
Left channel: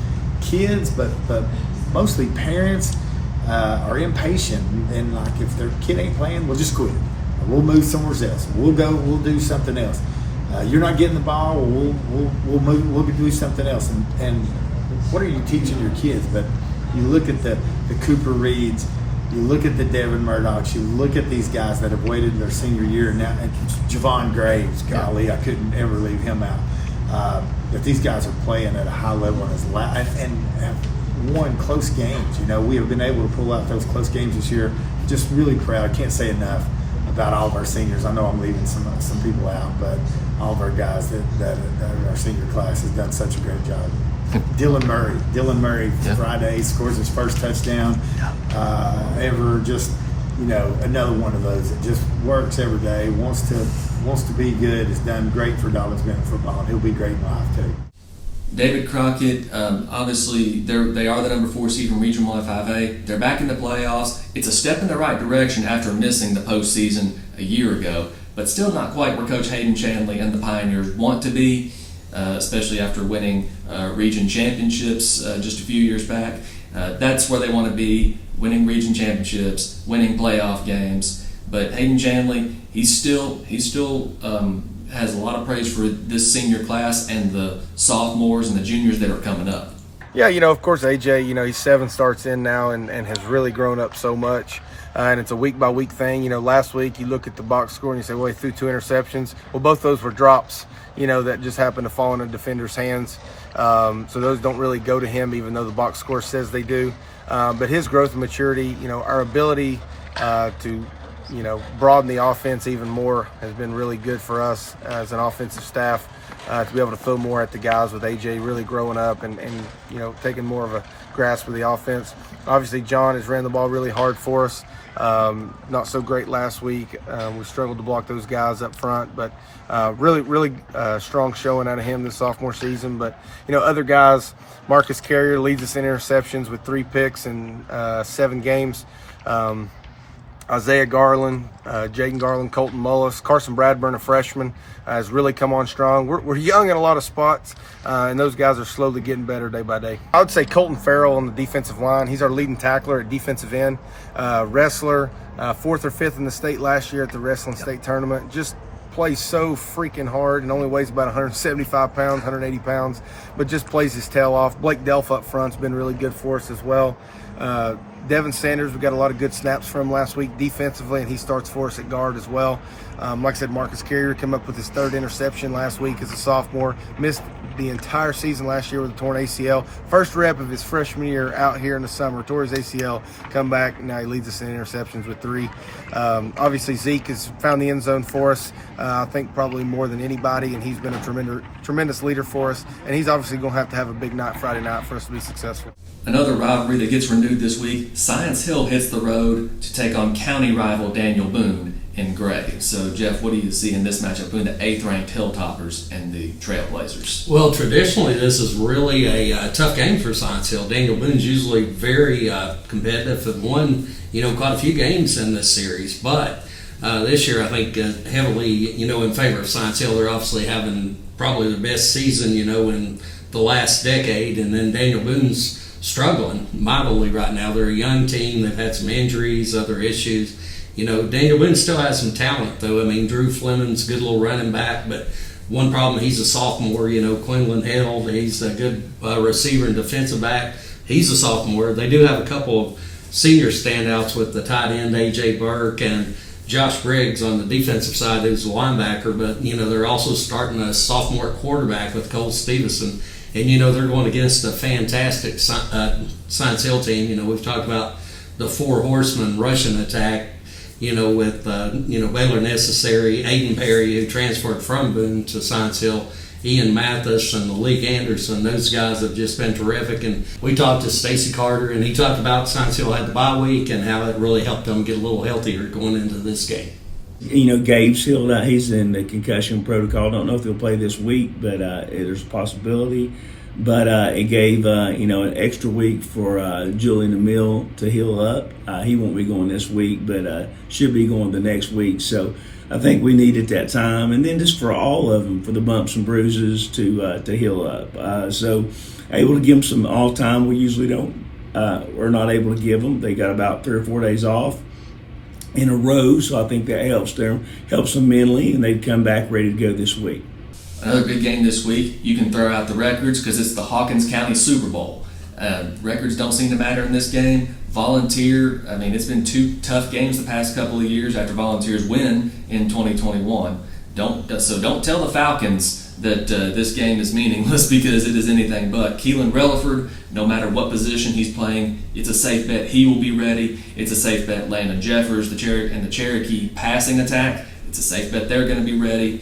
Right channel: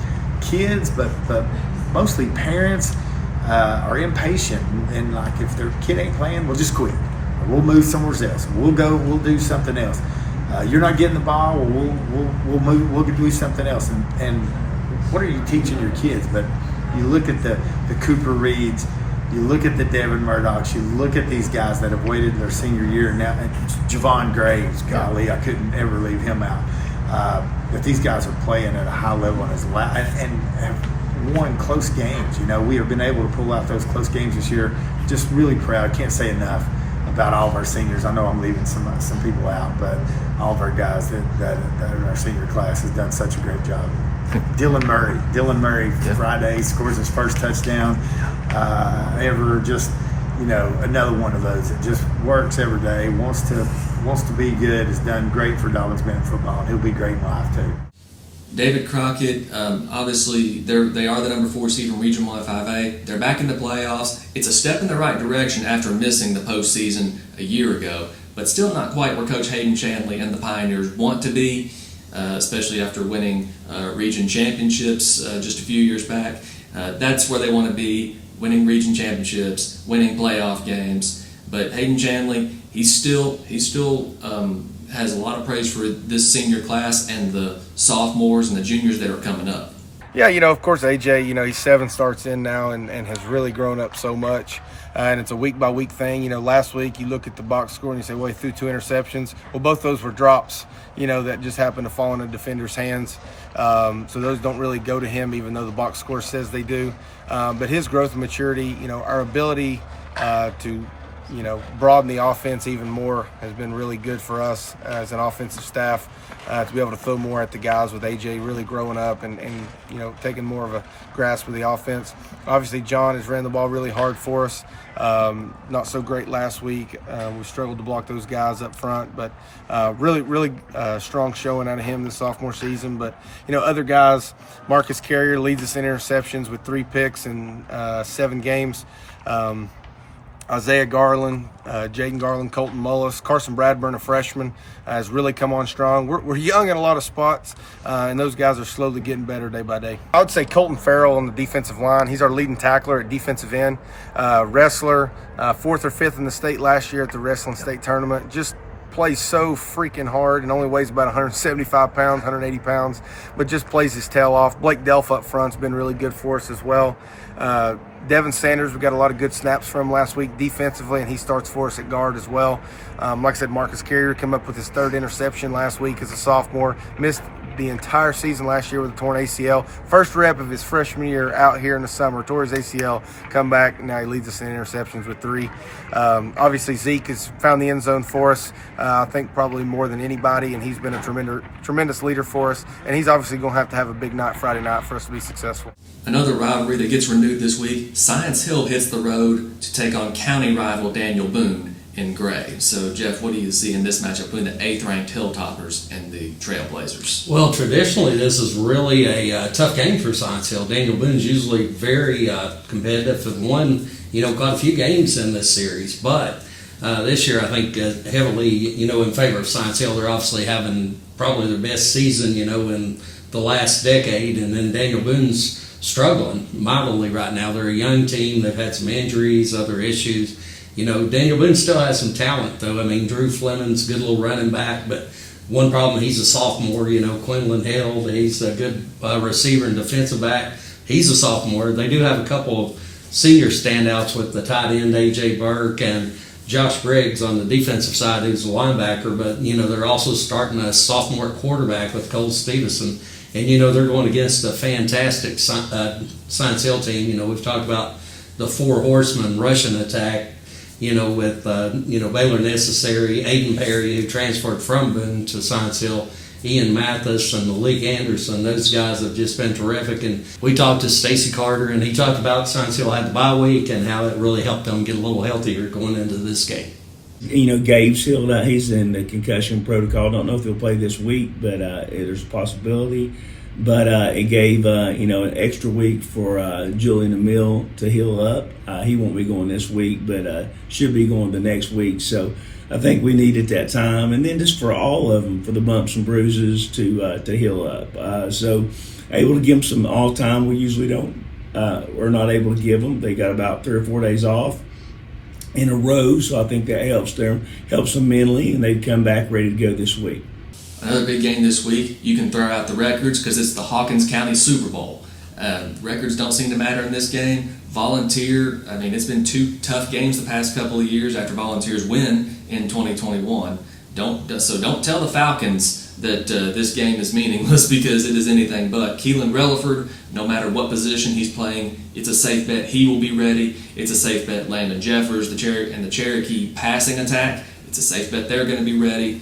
kids, but mostly parents are impatient, and like, if their kid ain't playing, we'll just quit. Or we'll move somewhere else. We'll do something else. You're not getting the ball, we'll do something else. And what are you teaching your kids? But you look at the Cooper Reeds, you look at the Devin Murdochs, you look at these guys that have waited their senior year, and now Javon Graves, golly, I couldn't ever leave him out. That these guys are playing at a high level and have won close games. We have been able to pull out those close games this year. Just really proud. Can't say enough about all of our seniors. I know I'm leaving some people out, but all of our guys that are our senior class has done such a great job. Dylan Murray Friday scores his first touchdown ever. Just another one of those that just works every day, wants to be good, has done great for Dobbins Bennett football, and he'll be great in life too. David Crockett, obviously they are the number 4 seed from Region 1-5A. They're back in the playoffs. It's a step in the right direction after missing the postseason a year ago, but still not quite where Coach Hayden Shanley and the Pioneers want to be, especially after winning region championships just a few years back. That's where they want to be, winning region championships, winning playoff games. But Hayden Shanley, he still has a lot of praise for this senior class and the sophomores and the juniors that are coming up. Yeah, of course, AJ, he's 7 starts in now and has really grown up so much. And it's a week-by-week thing. Last week you look at the box score and you say, well, he threw 2 interceptions. Well, both those were drops, that just happened to fall in a defender's hands. So those don't really go to him, even though the box score says they do. But his growth and maturity, our ability to broaden the offense even more has been really good for us as an offensive staff. To be able to throw more at the guys with AJ really growing up and taking more of a grasp of the offense. Obviously, John has ran the ball really hard for us. Not so great last week. We struggled to block those guys up front, but really strong showing out of him this sophomore season. But, other guys, Marcus Carrier leads us in interceptions with 3 picks in 7 games. Isaiah Garland, Jaden Garland, Colton Mullis, Carson Bradburn, a freshman, has really come on strong. We're young in a lot of spots, and those guys are slowly getting better day by day. I would say Colton Farrell on the defensive line. He's our leading tackler at defensive end. Wrestler, 4th or 5th in the state last year at the wrestling state tournament. Just plays so freaking hard and only weighs about 175 pounds, 180 pounds, but just plays his tail off. Blake Delph up front's been really good for us as well. Devin Sanders, we got a lot of good snaps from him last week defensively, and he starts for us at guard as well. Like I said, Marcus Carrier came up with his 3rd interception last week as a sophomore. Missed the entire season last year with a torn ACL. First rep of his freshman year out here in the summer. Tore his ACL, come back, now he leads us in interceptions with 3. Obviously, Zeke has found the end zone for us, I think probably more than anybody, and he's been a tremendous leader for us. And he's obviously going to have a big night Friday night for us to be successful. Another rivalry that gets renewed this week, Science Hill hits the road to take on county rival Daniel Boone in Gray. So, Jeff, what do you see in this matchup between the 8th-ranked Hilltoppers and the Trailblazers? Well, traditionally, this is really a tough game for Science Hill. Daniel Boone's usually very competitive and won, quite a few games in this series. But this year, I think heavily, in favor of Science Hill. They're obviously having probably their best season, in the last decade. And then Daniel Boone's struggling mightily right now. They're a young team. They've had some injuries, other issues. Daniel Boone still has some talent, though. I mean, Drew Fleming's a good little running back, but one problem, he's a sophomore. Quinlan Held, he's a good receiver and defensive back. He's a sophomore. They do have a couple of senior standouts with the tight end, A.J. Burke, and Josh Briggs on the defensive side, who's a linebacker, but, they're also starting a sophomore quarterback with Cole Stevenson. And, they're going against a fantastic Science Hill team. We've talked about the 4 horsemen Russian attack, with, Baylor Necessary, Aiden Perry, who transferred from Boone to Science Hill, Ian Mathis, and Malik Anderson. Those guys have just been terrific. And we talked to Stacy Carter, and he talked about Science Hill had the bye week and how it really helped them get a little healthier going into this game. Gabe's healed out. He's in the concussion protocol. Don't know if he'll play this week, but there's a possibility. But it gave, an extra week for Julian Emile to heal up. He won't be going this week, but should be going the next week. So I think we needed that time. And then just for all of them, for the bumps and bruises to heal up. So able to give them some all time. We usually don't. We're not able to give them. They got about 3 or 4 days off in a row, so I think that helps them mentally, and they've come back ready to go this week. Another big game this week. You can throw out the records because it's the Hawkins County Super Bowl. Records don't seem to matter in this game. Volunteer, it's been 2 tough games the past couple of years after Volunteers win in 2021. Don't tell the Falcons that this game is meaningless because it is anything but. Keelan Relaford, no matter what position he's playing, it's a safe bet he will be ready. It's a safe bet Landon Jeffers, the Cherokee passing attack, it's a safe bet they're going to be ready.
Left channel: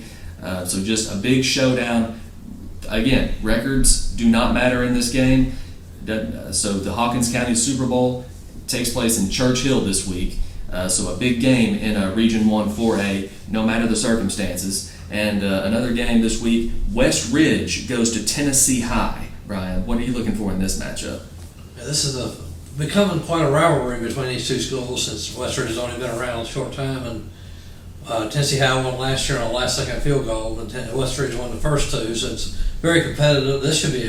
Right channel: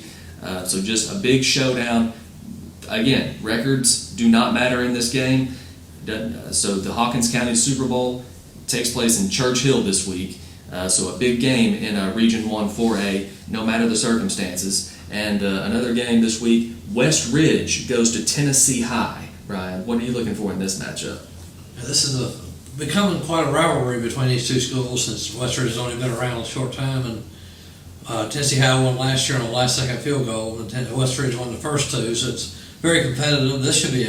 So just a big showdown. Again, records do not matter in this game. So the Hawkins County Super Bowl takes place in Church Hill this week. So a big game in Region 1 4A, no matter the circumstances. And another game this week, West Ridge goes to Tennessee High. Brian, what are you looking for in this matchup? This is becoming quite a rivalry between these 2 schools since West Ridge has only been around a short time. And Tennessee High won last year on a last-second field goal, and West Ridge won the first 2, so it's very competitive. This should be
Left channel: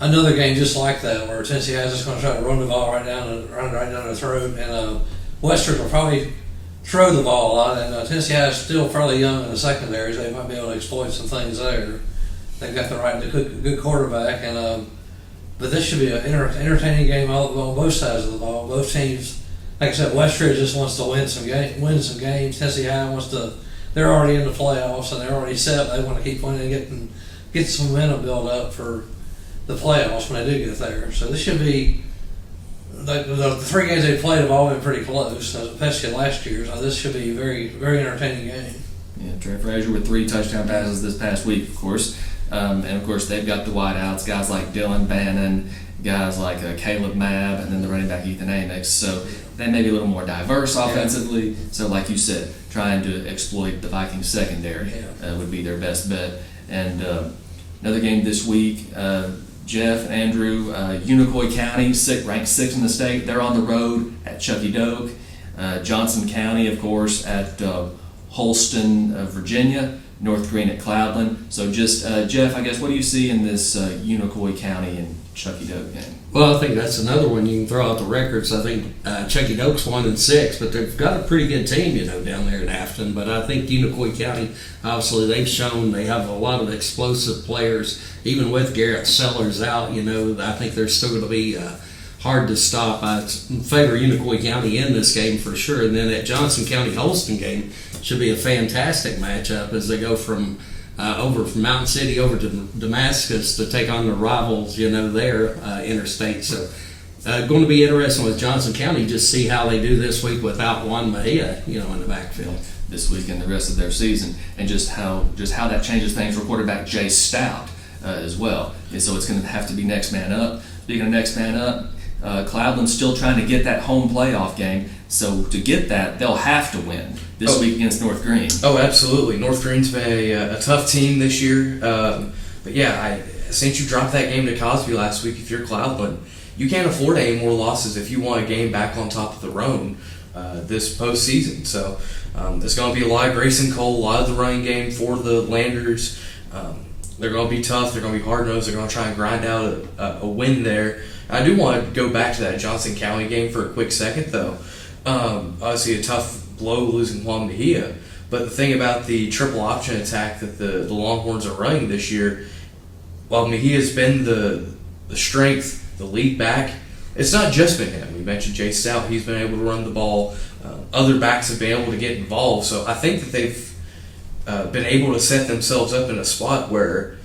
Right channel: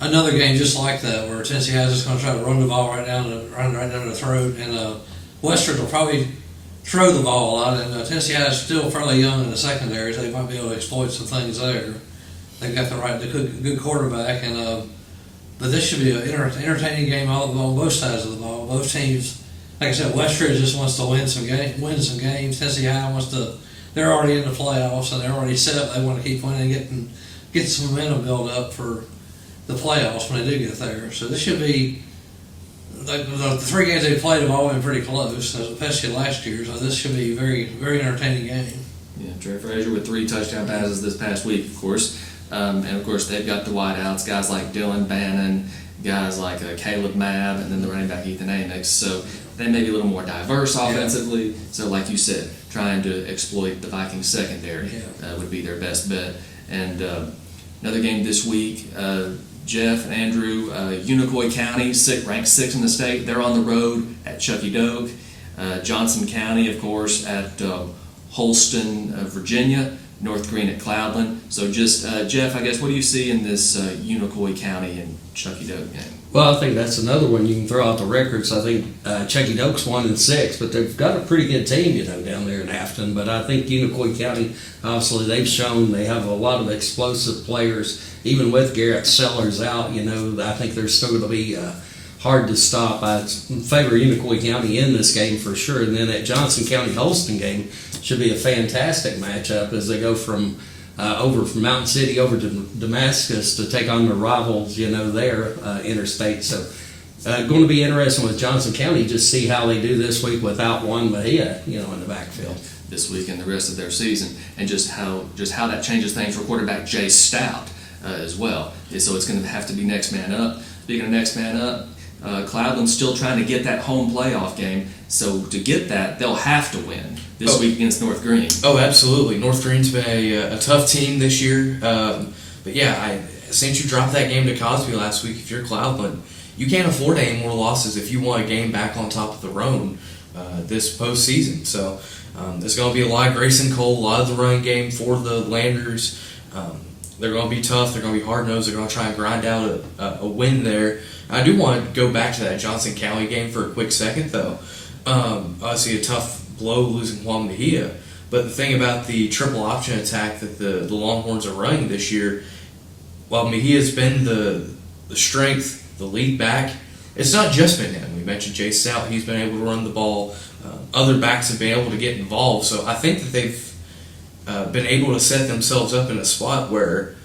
another game just like that, where Tennessee High is just going to try to run the ball right down their throat, and West Ridge will probably throw the ball a lot, and Tennessee High is still fairly young in the secondaries. They might be able to exploit some things there. They've got the good quarterback, but this should be an entertaining game on both sides of the ball. Both teams, like I said, West Ridge just wants to win some games. Tennessee High they're already in the playoffs and they're already set. They want to keep winning and get some momentum built up for the playoffs when they do get there. So this should be the 3 games they played have all been pretty close, especially last year. So this should be a very, very entertaining game. Yeah, Trey Frazier with 3 touchdown passes this past week, of course. And, of course, they've got the wideouts, guys like Dylan Bannon, guys like Caleb Mabb, and then the running back Ethan Amix. So they may be a little more diverse offensively. Yeah. So, like you said, trying to exploit the Vikings secondary would be their best bet. And another game this week, Jeff and Andrew, Unicoi County, ranked 6th in the state. They're on the road at Chucky Doak. Johnson County, of course, at Holston, Virginia. North Green at Cloudland. So just, Jeff, I guess, what do you see in this Unicoi County and Chucky Doak game? Well, I think that's another one. You can throw out the records. I think Chucky Doak's 1-6, but they've got a pretty good team, down there in Hampton. But I think Unicoi County, obviously, they've shown they have a lot of explosive players. Even with Garrett Sellers out, I think they're still going to be hard to stop. I favor Unicoi County in this game for sure. And then that Johnson County Holston game should be a fantastic matchup as they go from over from Mountain City over to Damascus to take on the rivals, there interstate. So going to be interesting with Johnson County, just see how they do this week without Juan Mejia, in the backfield. This week and the rest of their season, and just how that changes things for quarterback Jay Stout as well. And so it's going to have to be next man up. Speaking of next man up, Cloudland's still trying to get that home playoff game. So to get that, they'll have to win this week against North Green. Oh, absolutely. North Green's been a tough team this year. But yeah, since you dropped that game to Cosby last week, if you're Cloudland, you can't afford any more losses if you want a game back on top of the Roan this postseason. So there's going to be a lot of Grayson Cole, a lot of the running game for the Landers. They're going to be tough. They're going to be hard-nosed. They're going to try and grind out a win there. I do want to go back to that Johnson County game for a quick second, though. Obviously, a tough blow losing Juan Mejia. But the thing about the triple option attack that the Longhorns are running this year, while Mejia's been the strength, the lead back, it's not just been him. We mentioned Jay Stout. He's been able to run the ball. Other backs have been able to get involved. So I think that they've been able to set themselves up in a spot where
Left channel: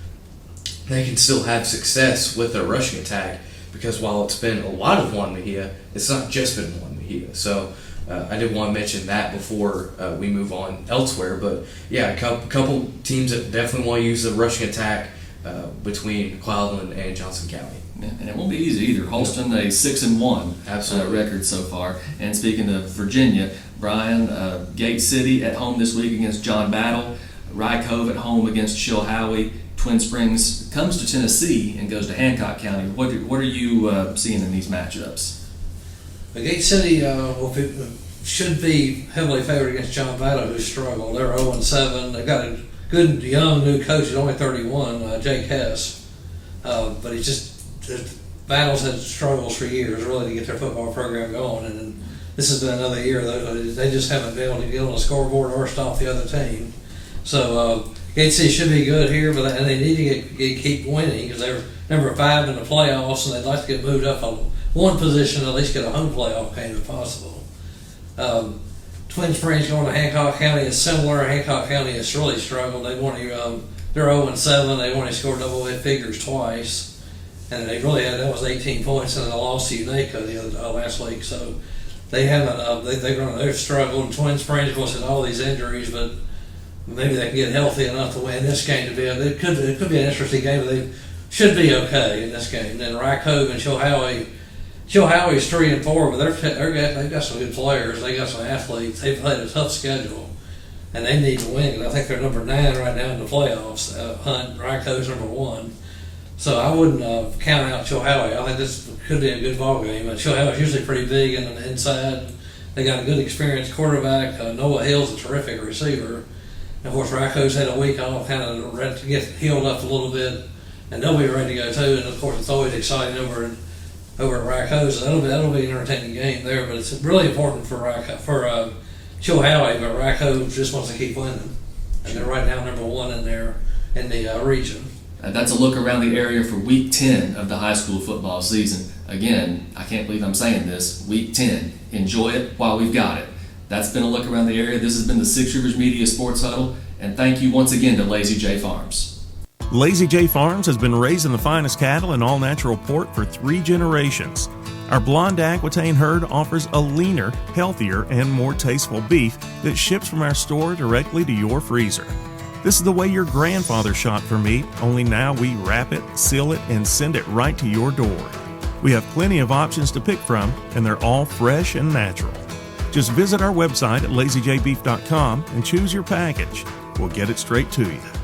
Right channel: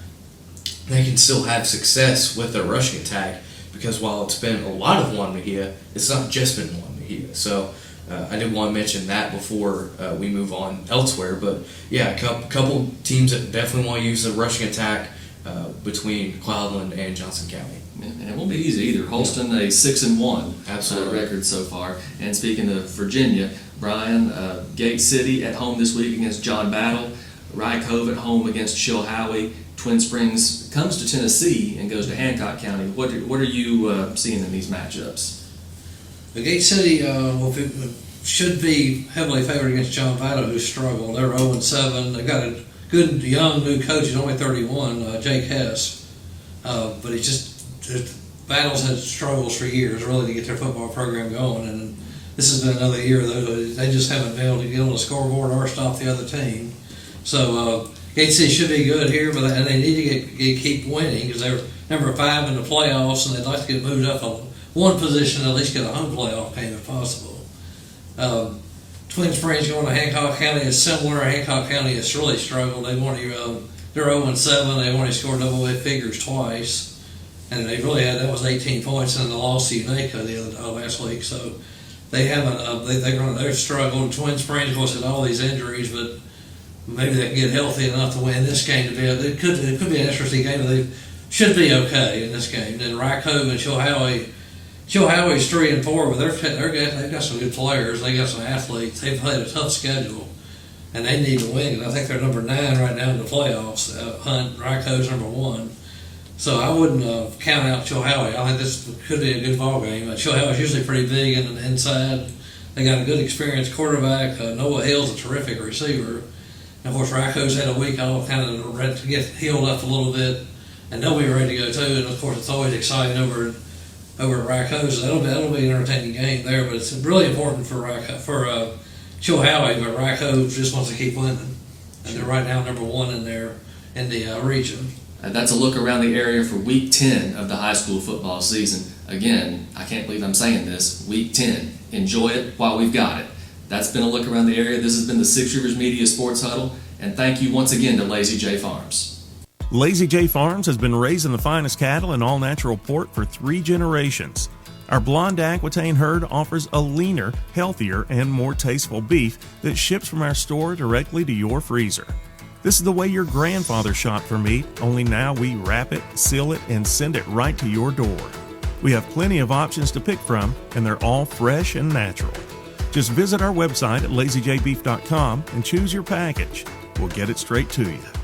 they can still have success with their rushing attack, because while it's been a lot of Juan Mejia, it's not just been Juan Mejia. So I did want to mention that before we move on elsewhere. But yeah, a couple teams that definitely want to use the rushing attack between Cloudland and Johnson County. Yeah, and it won't be easy either. Holston, a 6-1 record so far. And speaking of Virginia, Brian, Gate City at home this week against John Battle. Rye Cove at home against Chilhowie. Twin Springs comes to Tennessee and goes to Hancock County. What are you seeing in these matchups? The Gate City should be heavily favored against John Battle, who's struggled. They're 0-7. They've got a good young new coach. He's only 31, Jake Hess. But he's just Battle's had struggles for years really to get their football program going, and this has been another year they just haven't been able to get on the scoreboard or stop the other team. So Gate City should be good here, but they need to keep winning because they're number 5 in the playoffs, and they'd like to get moved up one position, at least get a home playoff game if possible. Twin Springs going to Hancock County is similar. Hancock County has really struggled. They're 0-7. They've only scored double figures twice. And they really that was 18 points, and they lost to Unaka last week. So they haven't. They've struggled. Twin Springs, of course, had all these injuries, but maybe they can get healthy enough to win this game. It could be an interesting game. But they should be okay in this game. Then Rye Cove and Chilhowie. Chilhowie's 3-4, but they've got some good players. They got some athletes. They've played a tough schedule, and they need to win. I think they're number 9 right now in the playoffs. Rye Cove's number 1. So I wouldn't count out Chilhowie. I think this could be a good ball game. Chilhowie's usually pretty big and inside. They got a good experienced quarterback. Noah Hill's a terrific receiver. And of course, Rye Cove's had a week off, kind of to get healed up a little bit, and they'll be ready to go too. And of course, it's always exciting over at Rye Cove. So that'll be an entertaining game there. But it's really important for Chilhowie. But Rye Cove just wants to keep winning, and they're right now number 1 in the region. That's a look around the area for Week 10 of the high school football season. Again, I can't believe I'm saying this, Week 10. Enjoy it while we've got it. That's been a look around the area. This has been the Six Rivers Media Sports Huddle, and thank you once again to Lazy J Farms. Lazy J Farms has been raising the finest cattle in all-natural pork for 3 generations. Our blonde Aquitaine herd offers a leaner, healthier, and more tasteful beef that ships from our store directly to your freezer. This is the way your grandfather shot for meat, only now we wrap it, seal it, and send it right to your door. We have plenty of options to pick from, and they're all fresh and natural. Just visit our website at lazyjbeef.com and choose your package. We'll get it straight to you.